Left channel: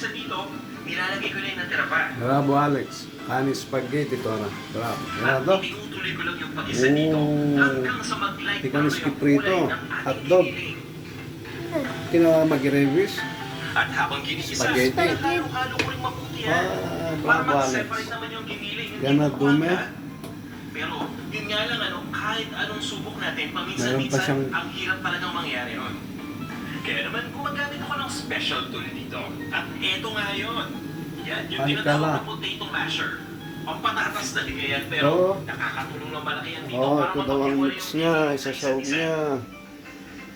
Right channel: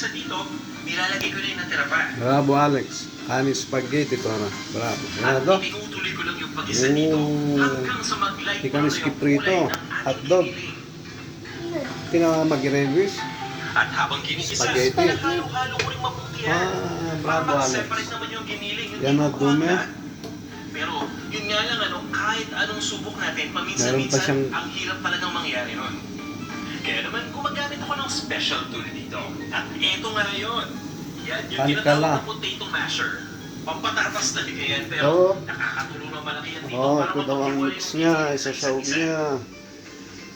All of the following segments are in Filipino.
paminsan dito, nilalagay ko na yung natira pa. Bravo, Alex. Kanin spaghetti to na. Bravo. Yan At to. tinutuloy ko lang yung pag-isa dito hanggang sa mag-light Ikaw ni yung skip kulay rito. ng Hotdog. ating giniling. Kina mag-revis. At habang ginigisa, Spaghetti. halo-halo ko rin mabuti yan. Bravo, Para Alex. separate naman yung giniling. Hindi Yan na ko dumi. kaagad. Pero yun nga lang, kahit anong subok natin, Meron pa paminsan-minsan, siyang- ang hirap talagang mangyari yun. Kaya naman, gumagamit ako ng special tool dito. At eto nga yun. Yan, yung tinatawag Alcala. na potato masher. Pampatatas na yan, pero Oo. nakakatulong ng malaki yan dito. Oh, para ito daw ang mapaghiwalay mix yung niya. giniling Isasawag sa niya.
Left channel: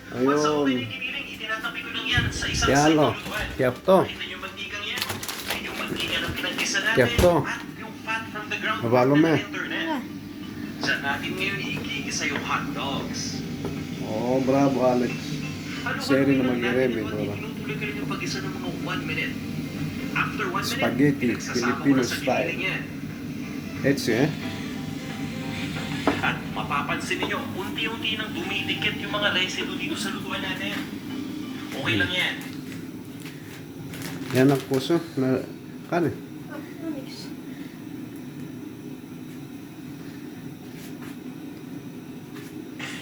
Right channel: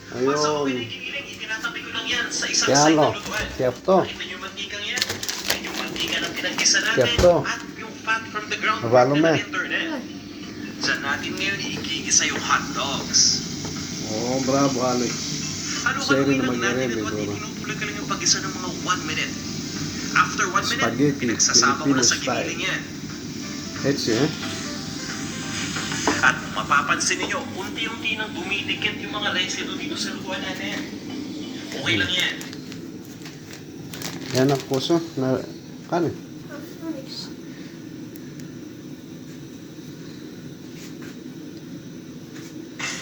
Once ako Ayun. pinigiling, itinatabi ko lang yan sa isang Yan, side oh. ng lutuan. Tiyap to. Nakita niyo yung mantikang yan? Ay, yung mantika ng pinagkisa natin. Tiyap to. At yung fat from the ground Mabalo pork mo. na internet. Saan natin ngayon igigisa yung hot dogs. Oh, bravo, Alex. Seri na mag-iremi, bro. Tinutuloy ka lang yung pag-isa ng mga 1 minute. After 1 minute, Spaghetti, pinagsasama mo Filipino na sa style. giniling yan. Etsy, eh? At mapapansin niyo, unti-unti nang dumidikit yung mga residue dito sa lutuan natin. Okay lang yan. Yan ang puso na kanin.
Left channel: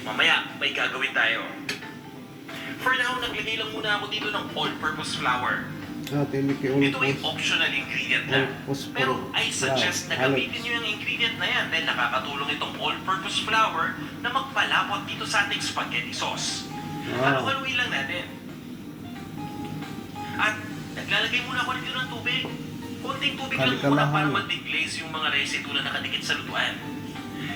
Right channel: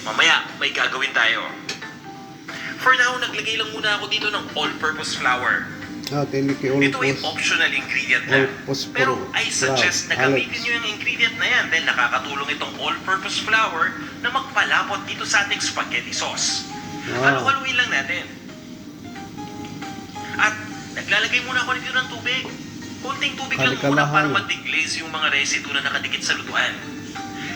Mamaya, may gagawin tayo. For now, naglagay lang muna ako dito ng all-purpose flour. Ah, tiniki Ito ay ulpos. optional ingredient na. All-purpose Pero flour. I suggest na Alex. gamitin nyo yung ingredient na yan dahil nakakatulong itong all-purpose flour na magpalapot dito sa ating spaghetti sauce. Ah. Haluin lang natin. At naglalagay muna ako nito ng tubig. Konting tubig lang muna Kalkalahan. para mag-deglaze yung mga residue na nakadikit sa lutuan.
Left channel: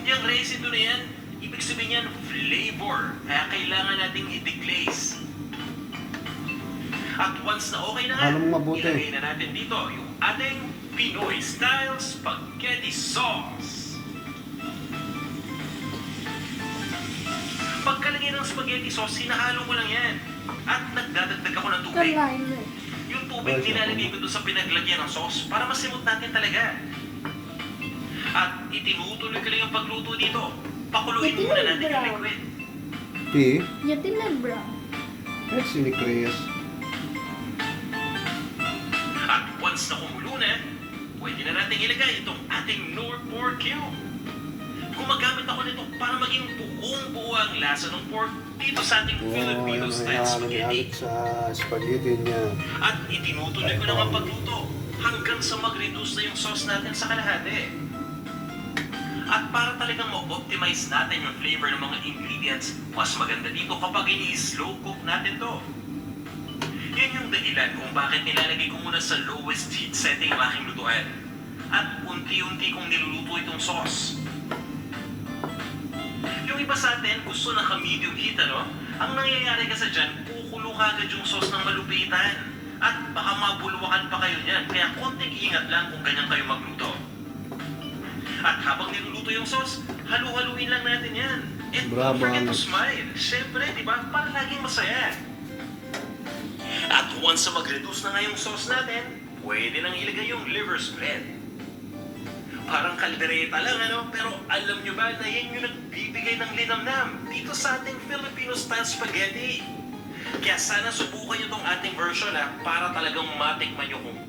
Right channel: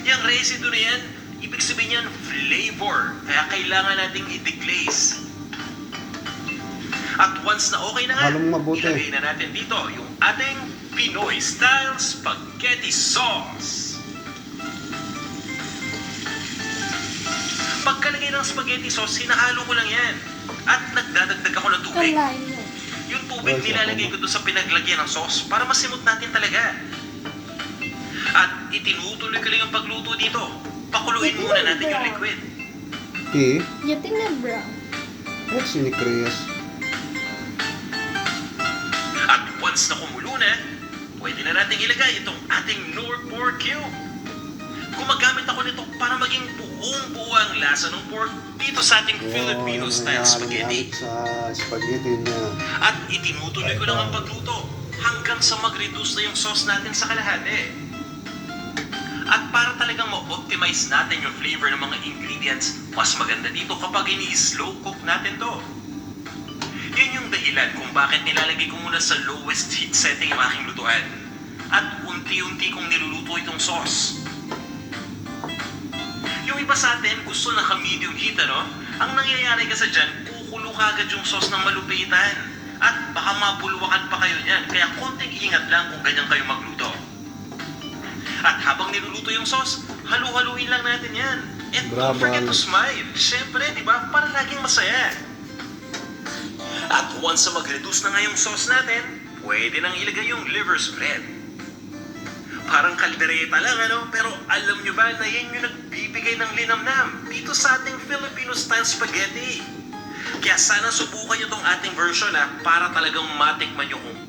Yung residue na yan, ibig sabihin yan flavor. Kaya kailangan nating i-deglaze. At once na okay na nga, Halong mabuti. ilagay na natin dito yung ating Pinoy style spaghetti sauce. Pagkalagay ng spaghetti sauce, hinahalo ko lang yan. At nagdadagdag ako ng tubig. Kalain mo. Yung tubig nilalagay ko doon sa pinaglagyan ng sauce para masimot natin talaga. At itinutuloy ko lang ang pagluto dito. Pakuluin muna natin yung liquid. Eh, Yatin na brown. Etsy ni Chris. At once na kumulo na, pwede na natin ilagay itong ating Lord pork cube. Gumagamit ako nito para maging buong-buo ang lasa ng pork dito sa ating Oh, Filipino yan ang style halo ni spaghetti. Alex sa spaghetti niya. At itinutuloy ko lang ang pagluto hanggang sa mag-reduce na yung sauce natin sa kalahati. At para talagang ma-optimize natin yung flavor ng mga ingredients, mas maganda dito kapag ini-slow cook natin to. Yun yung dahilan kung bakit nilalagay ko muna sa lowest heat setting ang aking lutuan. At unti-unti kong niluluto itong sauce. Yung iba sa atin gusto naka-medium heat, ano? Ang nangyayari kasi dyan, kukulo kagad yung sauce ng malupitan. At baka mabulwakan pa kayo niyan, kaya konting ingat lang kung ganyan kayo magluto. At habang niluluto yung sauce, halu-haluin lang natin yan. And Bravo, don't forget to Alex. smile. Siyempre, di ba? Para laging masaya. At once na mag-reduce na nga yung sauce natin, pwede nang ilagay yung liver spread. Parang kaldereta lang, ano? Pero alam nyo ba na yan yung nagbibigay ng linamnam dito sa ating Filipino style spaghetti? Kaya sana subukan nyo tong ating version, para talagang matikman nyo kung